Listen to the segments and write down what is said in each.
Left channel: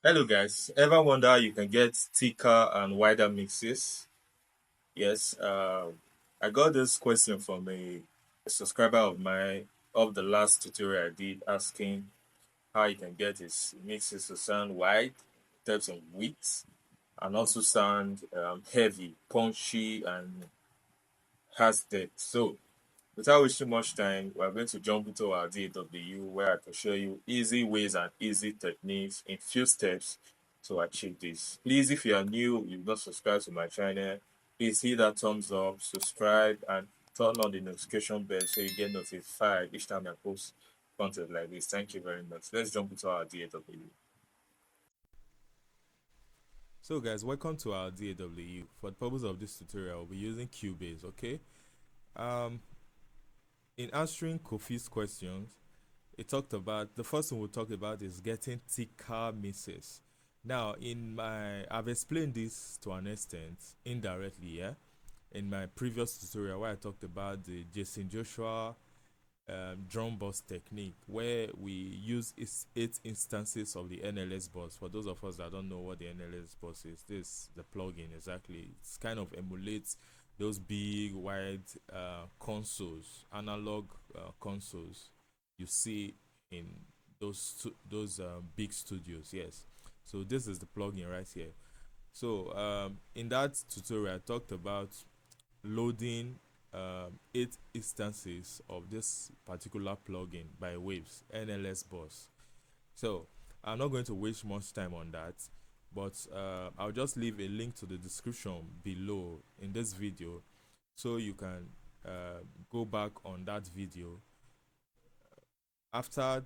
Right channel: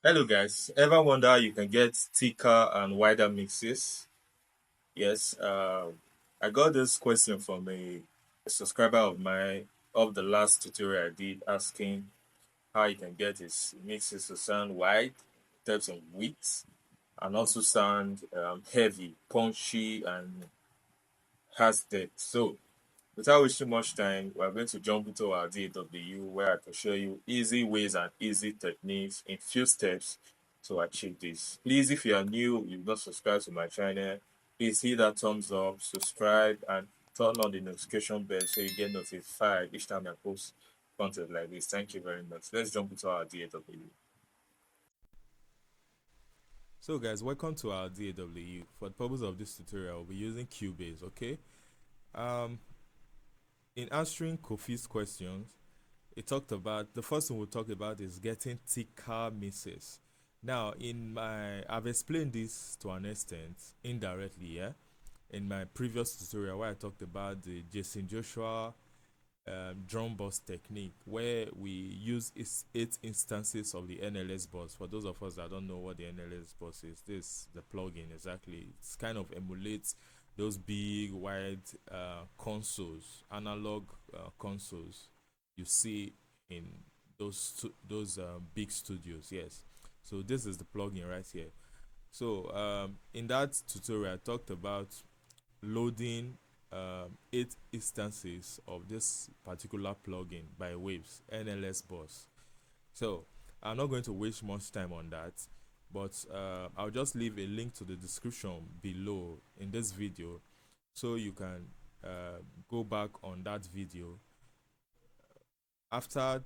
Hello guys, ever wonder how you can get thicker and wider mixes? Yes, I got this question from a subscriber of mine of the last tutorial I did asking how you can get his mixes to sound wide in terms of width and also sound heavy, punchy, and has depth. So without wasting much time, we're going to jump into our DAW where I can show you easy ways and easy techniques in few steps to achieve this. Please, if you are new, you've not subscribed to my channel, please hit that thumbs up, subscribe, and turn on the notification bell so you get notified each time I post content like this. Thank you very much. Let's jump into our DAW. So guys, welcome to our DAW. For the purpose of this tutorial, we'll be using Cubase, okay? Um, in answering Kofi's questions, it talked about the first thing we'll talk about is getting thicker mixes. Now, I've explained this to an extent indirectly, yeah, in my previous tutorial where I talked about the Jason Joshua drum bus technique, where we use 8 instances of the NLS bus. For those of us that don't know what the NLS bus is, this the plugin exactly. It's kind of emulates those big wide analog consoles you see in those big studios. Yes, so this is the plugin right here. So in that tutorial, I talked about loading 8 instances of this particular plugin by Waves NLS Bus. So I'm not going to waste much time on that, but I'll just leave a link to the description below in this video so you can go back on that video. After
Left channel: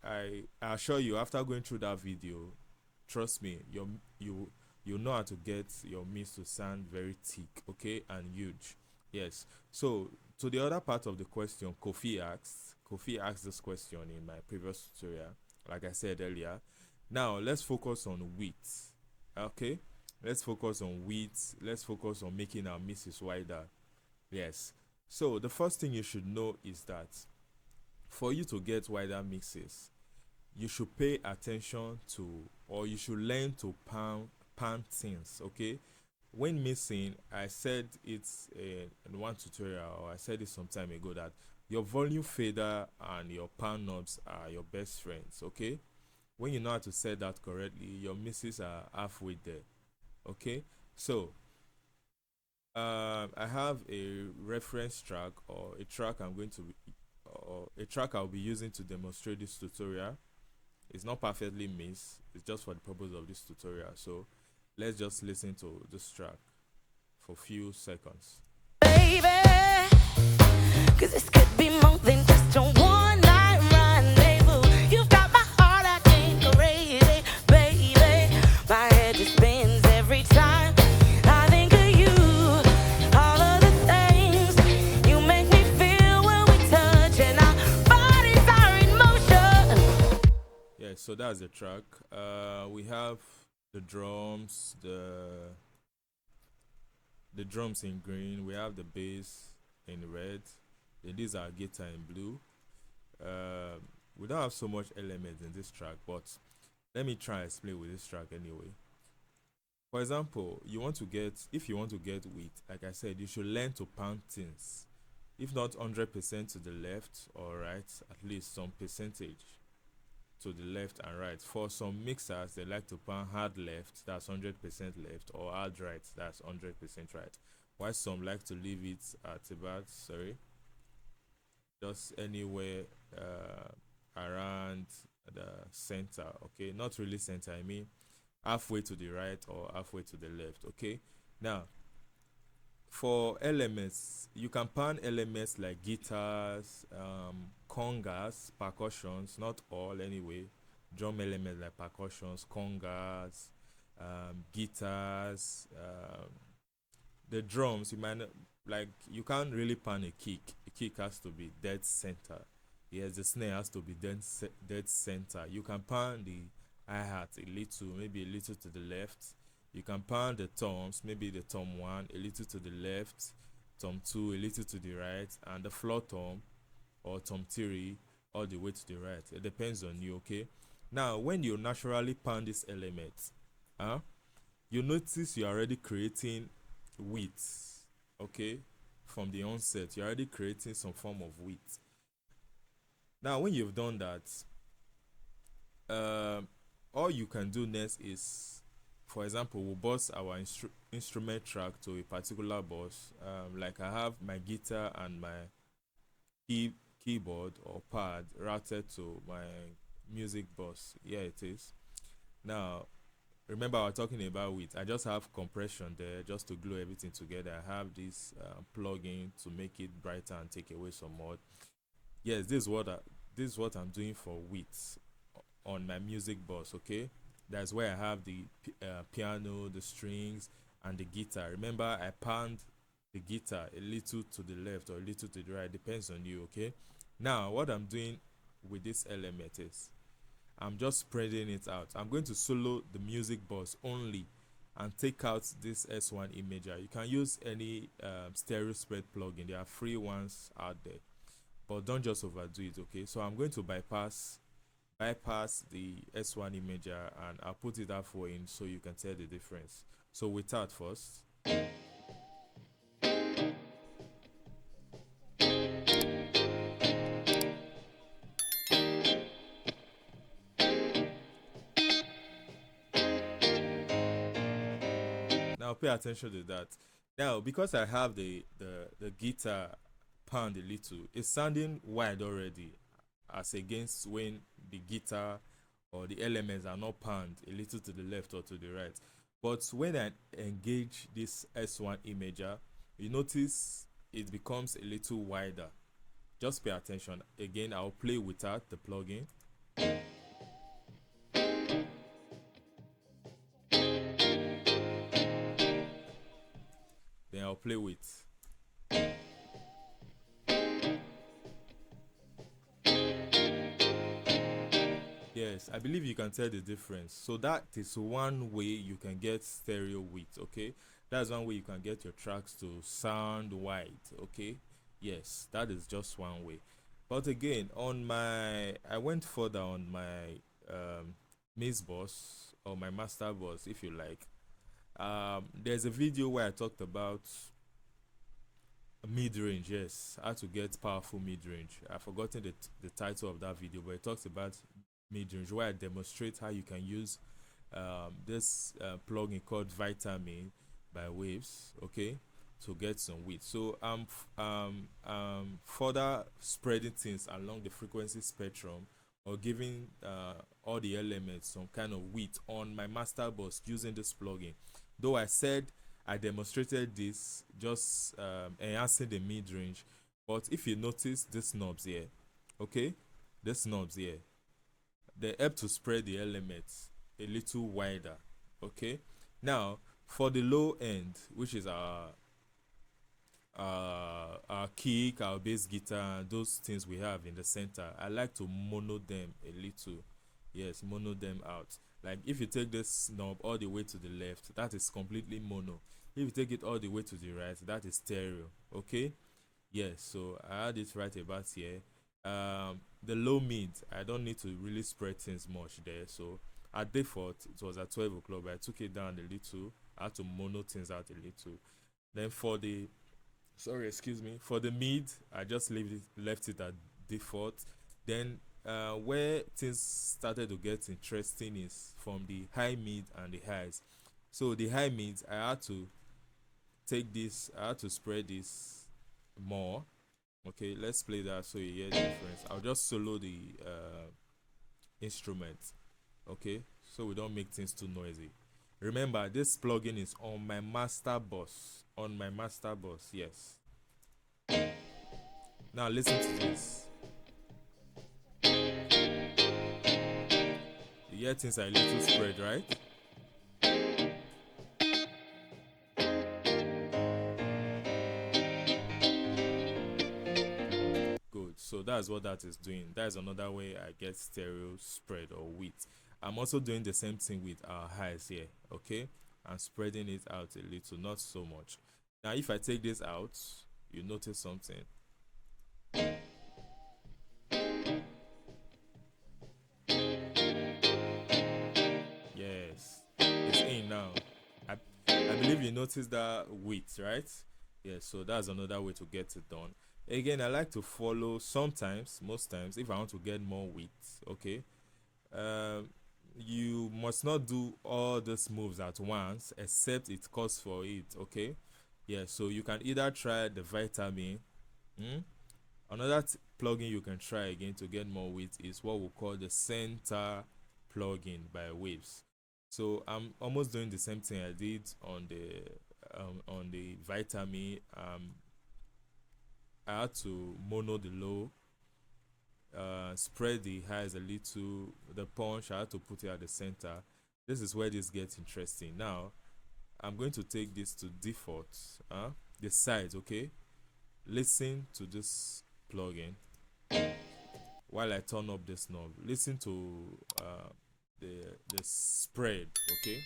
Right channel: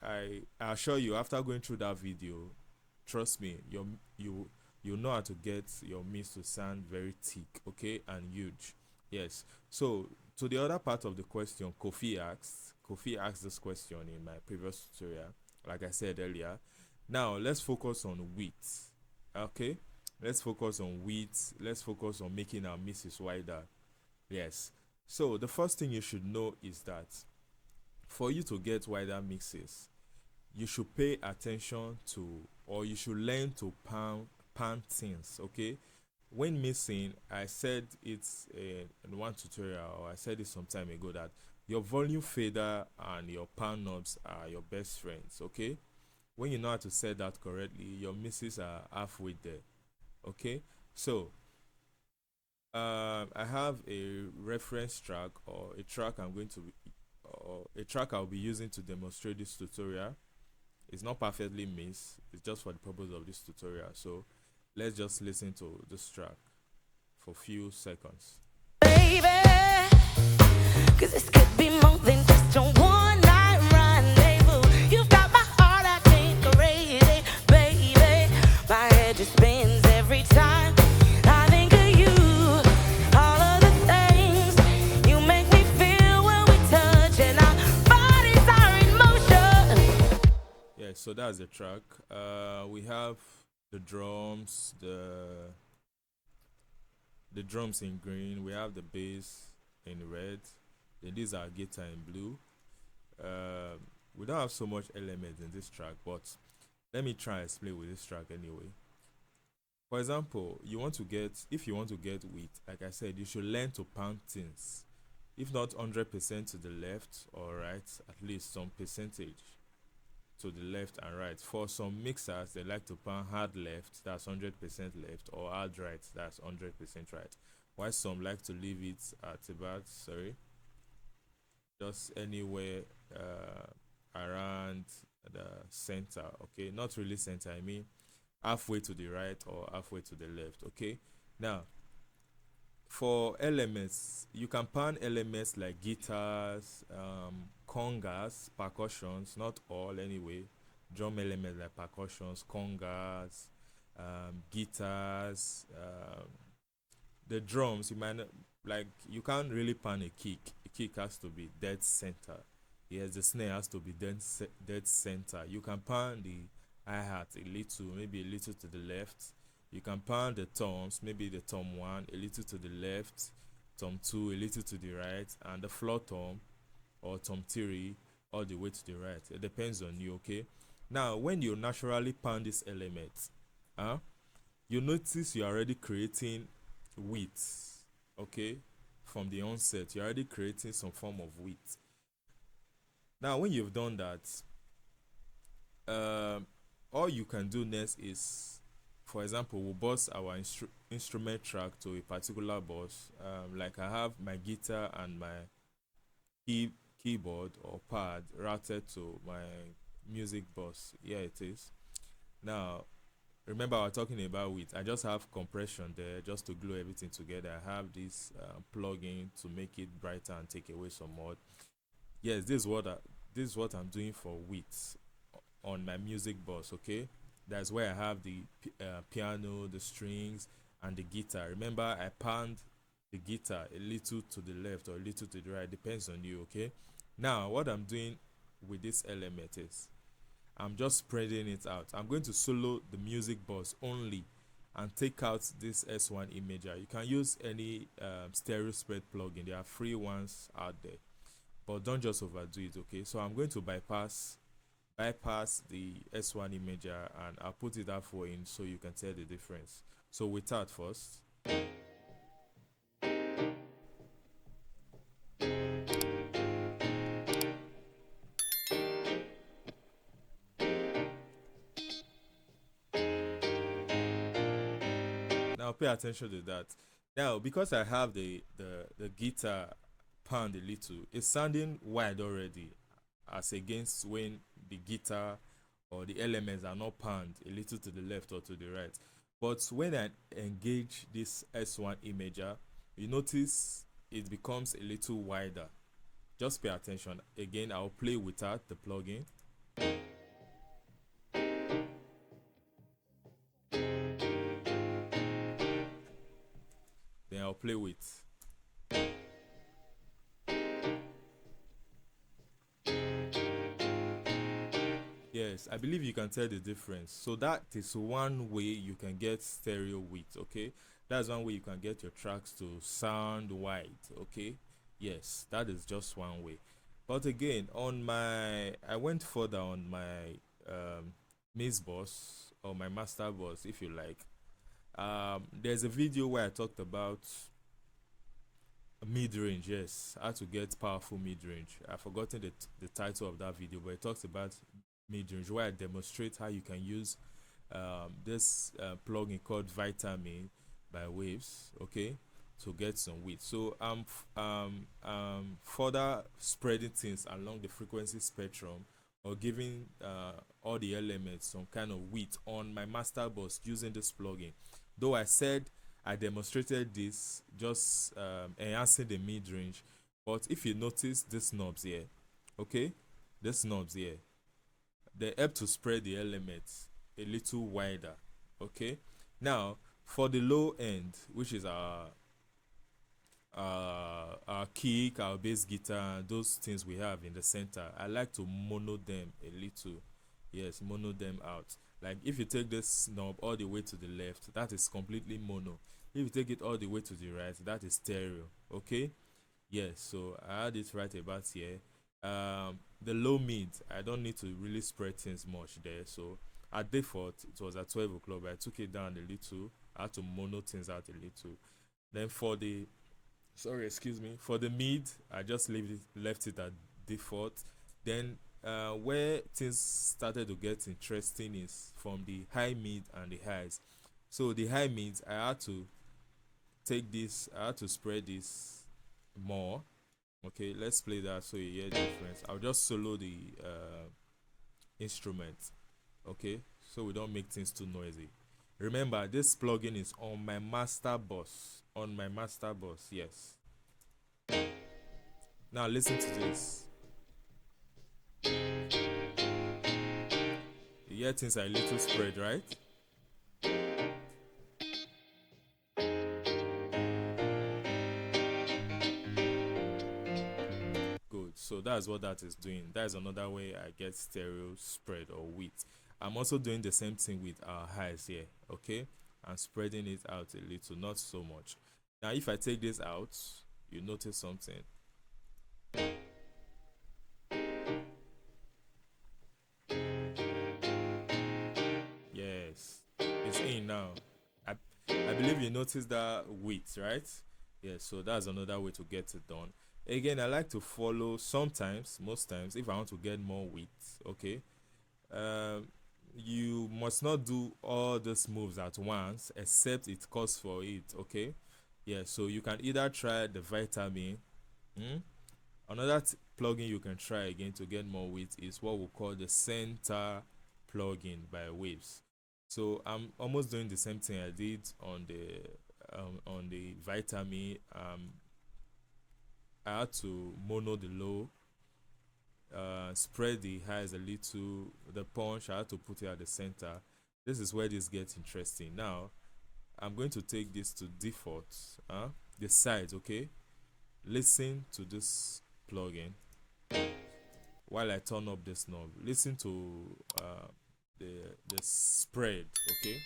I assure you, after going through that video, trust me, you know how to get your mix to sound very thick, okay, and huge. Yes. So to the other part of the question, Kofi asked this question in my previous tutorial, like I said earlier. Now let's focus on width. Okay, let's focus on width. Let's focus on making our mixes wider. Yes. So the first thing you should know is that for you to get wider mixes, you should pay attention to, or you should learn to pan things, okay? When mixing, I said it in one tutorial, or I said it some time ago, that your volume fader and your pan knobs are your best friends, okay? When you know how to set that correctly, your mixes are halfway there, okay? So I have a reference track, or a track I'll be using to demonstrate this tutorial. It's not perfectly mixed, it's just for the purpose of this tutorial. So let's just listen to this track for a few seconds. Baby, cause this could be more than just a one night rendezvous. You've got my heart acting crazy, baby. My head just spins every time I think of you. All of the things you make me feel when we touch, and our bodies are in motion. Yeah, so that's the track. We have the drums, the drums in green. We have the bass in red. Then these are guitar in blue. We don't have so much elements in this track, but let me try and explain with this track anyway. For example, if you want to get width, like I said, you should learn to pound things. If not 100% to the left or right, at least some percentage to the left and right. For some mixers, they like to pan hard left, that's 100% left, or hard right, that's 100% right. While some like to leave it at about, just anywhere around the center, okay? Not really center, I mean halfway to the right or halfway to the left, okay? Now, for elements, you can pan elements like guitars, congas, percussions, not all anyway, drum elements like percussions, congas, guitars, the drums. You can't really pan a kick. A kick has to be dead center. Yes, the snare has to be dead center. You can pan the hi-hat a little, maybe a little to the left. You can pan the toms, maybe the tom 1 a little to the left, tom 2 a little to the right, and the floor tom or tom 3 all the way to the right. It depends on you, okay? Now, when you naturally pound this element, huh, you notice you're already creating width, okay? From the onset, you're already creating some form of width. Now, when you've done that, all you can do next is, for example, we'll bus our instrument track to a particular bus. Like I have my guitar and my keyboard or pad routed to my music bus. Yeah, it is. Now, remember I was talking about width. I just have compression there just to glue everything together. I have this plugin to make it brighter and take away some mud. Yes, this is what I'm doing for width on my music bus. Okay, that's where I have the piano, the strings, and the guitar. Remember, I panned the guitar a little to the left or a little to the right, depends on you. Okay, now what I'm doing with this element is I'm just spreading it out. I'm going to solo the music bus only and take out this S1 imager. You can use any stereo spread plugin. There are free ones out there, but don't just overdo it. Okay, so I'm going to bypass the S1 imager and I'll put it out for you so you can tell the difference. So without first. Now pay attention to that. Now because I have the guitar pound a little, it's sounding wide already as against when the guitar or the elements are not panned a little to the left or to the right. But when I engage this S1 imager, you notice it becomes a little wider. Just pay attention. Again, I'll play without the plugin. Then I'll play with. Yes, I believe you can tell the difference. So that is one way you can get stereo width, okay? That's one way you can get your tracks to sound wide, okay? Yes, that is just one way. But again, I went further on my mix bus or my master bus, if you like. There's a video where I talked about mid-range. Yes, how to get powerful mid-range. I've forgotten the title of that video, but it talks about mid-range, where I demonstrate how you can use this plugin called Vitamin by Waves, okay, to get some width. So I'm further spreading things along the frequency spectrum or giving all the elements some kind of width on my master bus using this plugin. Though I said I demonstrated this just enhancing the mid-range, but if you notice these knobs here, okay, these knobs here, they help to spread the elements a little wider. Okay, now for the low end, which is our kick, our bass guitar, those things we have in the center, I like to mono them a little. Yes, mono them out. Like if you take this knob all the way to the left, that is completely mono. If you take it all the way to the right, that is stereo. Okay, yes, so I had it right about here. The low mid, I don't need to really spread things much there. So at default it was at 12 o'clock, but I took it down a little. I had to mono things out a little. Then for the excuse me, for the mid, I just left it at default. Then where things started to get interesting is from the high mid and the highs. So the high mids, I had to spread this more. Okay, let's play that so you hear the difference. I'll just solo the instrument, okay, so we don't make things too noisy. Remember, this plugin is on my master bus. Yes. Now listen to this. You hear things are a little spread, right? Good. So that's what that is doing. That's another way I get stereo spread or width. I'm also doing the same thing with our highs here. Okay, I'm spreading it out a little, not so much. Now if I take this out, you notice something. you notice that width, right? Yeah, so that's another way to get it done. Again, I like to follow sometimes, most times, if I want to get more width, okay. Um, you must not do all these moves at once, except it calls for it, okay. Yeah, so you can either try the vitamin. Hmm? Another plugin you can try again to get more width is what we call the center plugin by Waves. So I'm almost doing the same thing I did on the vitamin. I had to mono the low, spread the highs a little. The punch I had to put it at the center. This is where this gets interesting. Now I'm going to take this to default. The sides, okay. Listen to this plugin while I turn up this knob. Listen to the the spread, okay.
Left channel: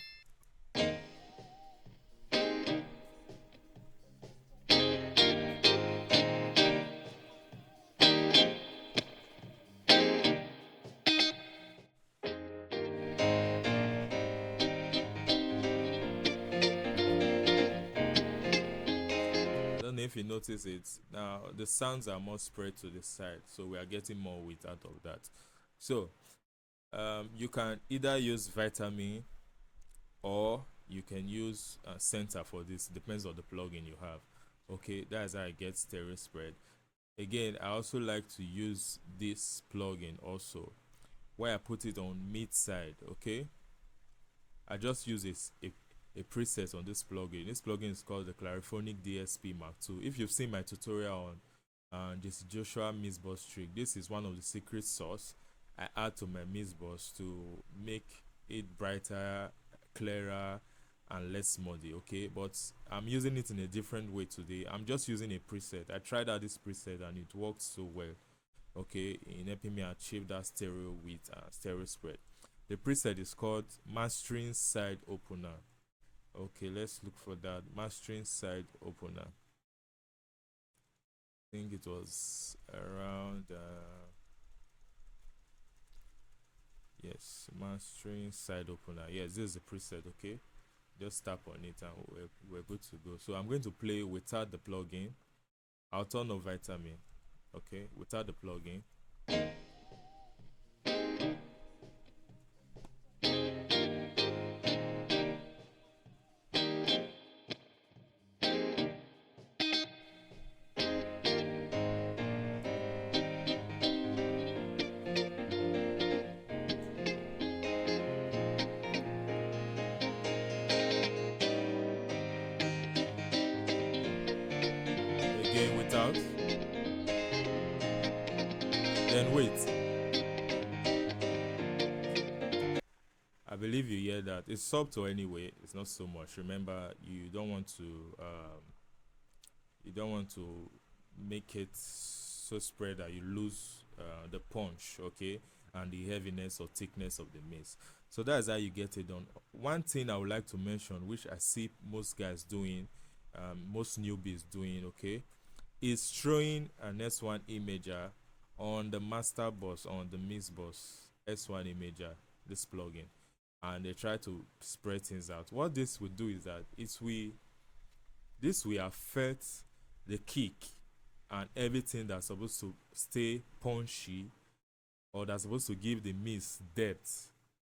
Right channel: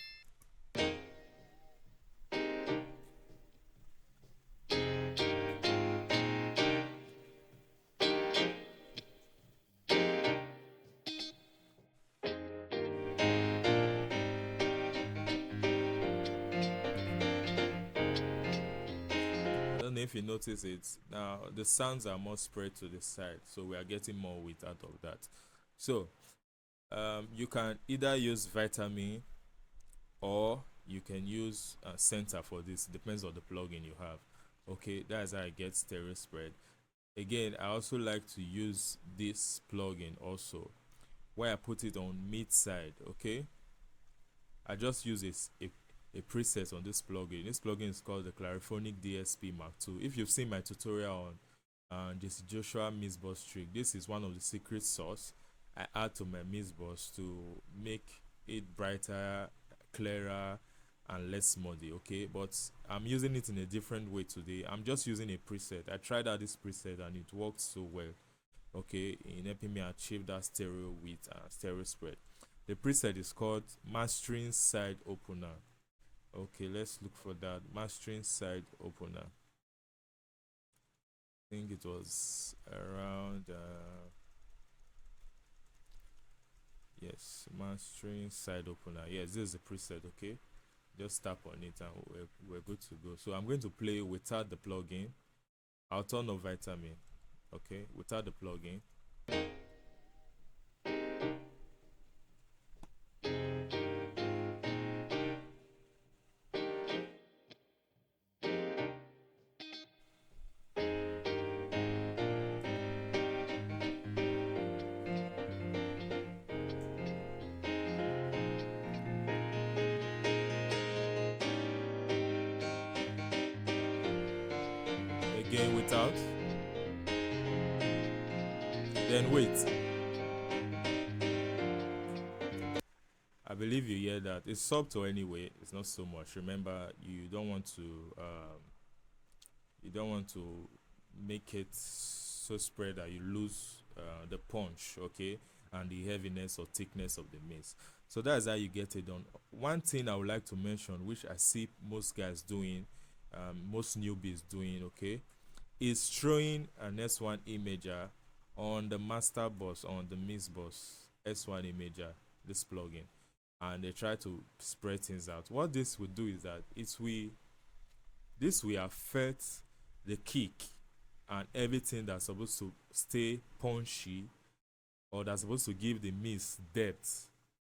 I don't know if you notice it. Now the sounds are more spread to the side, so we are getting more width out of that. So you can either use vitamin or you can use center for this. Depends on the plugin you have. Okay, that's how I get stereo spread. Again, I also like to use this plugin also, where I put it on mid side. Okay, I just use a preset on this plugin. This plugin is called the Clariphonic DSP Mark II. If you've seen my tutorial on this Joshua mix bus trick, this is one of the secret sauce I add to my mix bus to make it brighter, clearer, and less muddy. Okay, but I'm using it in a different way today. I'm just using a preset. I tried out this preset and it works so well. Okay, in helping me achieve that stereo width and stereo spread. The preset is called Mastering Side Opener. Okay, let's look for that. Mastering Side Opener. I think it was around yes, Mastering Side Opener. Yes, this is the preset. Okay, just tap on it and we're good to go. So I'm going to play without the plugin. I'll turn on vitamin. Okay, without the plugin. Again without. Then wait. I believe you hear that. It's subtle anyway. It's not so much. Remember, you don't want to make it so spread that you lose the punch, okay, and the heaviness or thickness of the mix. So that's how you get it done. One thing I would like to mention, which I see most guys doing, most newbies doing, okay, is throwing an S1 imager on the master bus, on the mix bus, S1 imager, this plugin, and they try to spread things out. What this will do is that this will affect the kick and everything that's supposed to stay punchy or that's supposed to give the mix depth.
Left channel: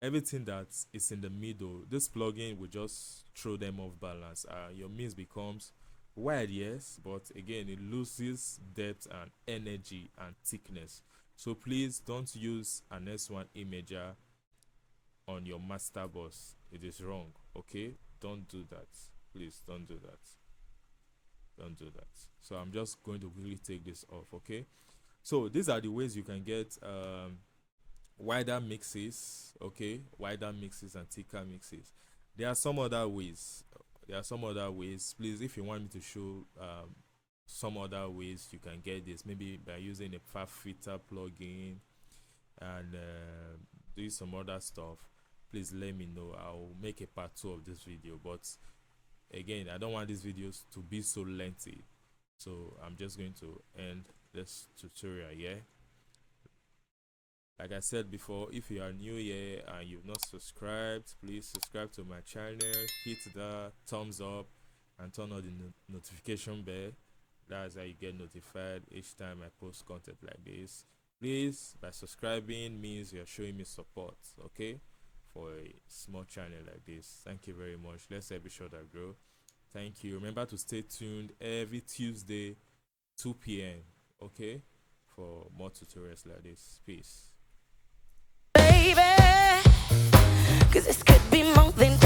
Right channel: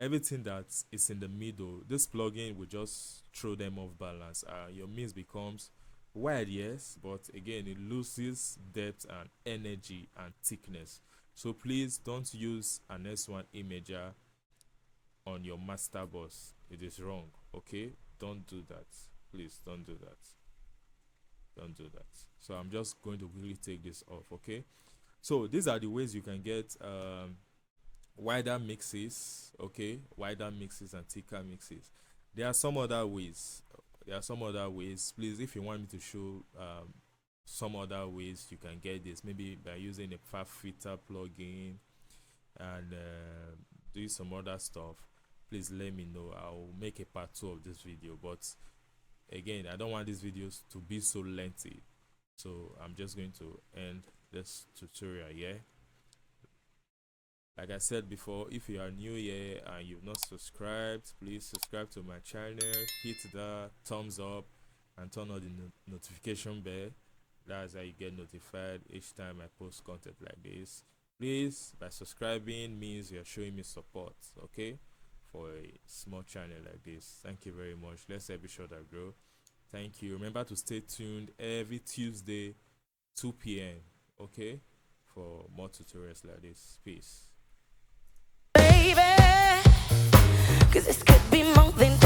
Everything that is in the middle, this plugin will just throw them off balance. Your mix becomes wide, yes, but again it loses depth and energy and thickness. So please don't use an S1 imager on your master bus. It is wrong. Okay, don't do that. Please don't do that. Don't do that. So I'm just going to really take this off. Okay, so these are the ways you can get wider mixes. Okay, wider mixes and thicker mixes. There are some other ways. Please, if you want me to show some other ways you can get this, maybe by using a fab filter plugin and doing some other stuff, please let me know. I'll make a part 2 of this video, but again, I don't want these videos to be so lengthy, so I'm just going to end this tutorial. Yeah, Like I said before, if you are new here and you've not subscribed, please subscribe to my channel, hit the thumbs up, and turn on the notification bell. That's how you get notified each time I post content like this. Please, by subscribing means you're showing me support, okay, for a small channel like this. Thank you very much. Let's help each other grow. Thank you. Remember to stay tuned every Tuesday, 2 p.m. Okay, for more tutorials like this. Peace. Baby, 'cause this could be more than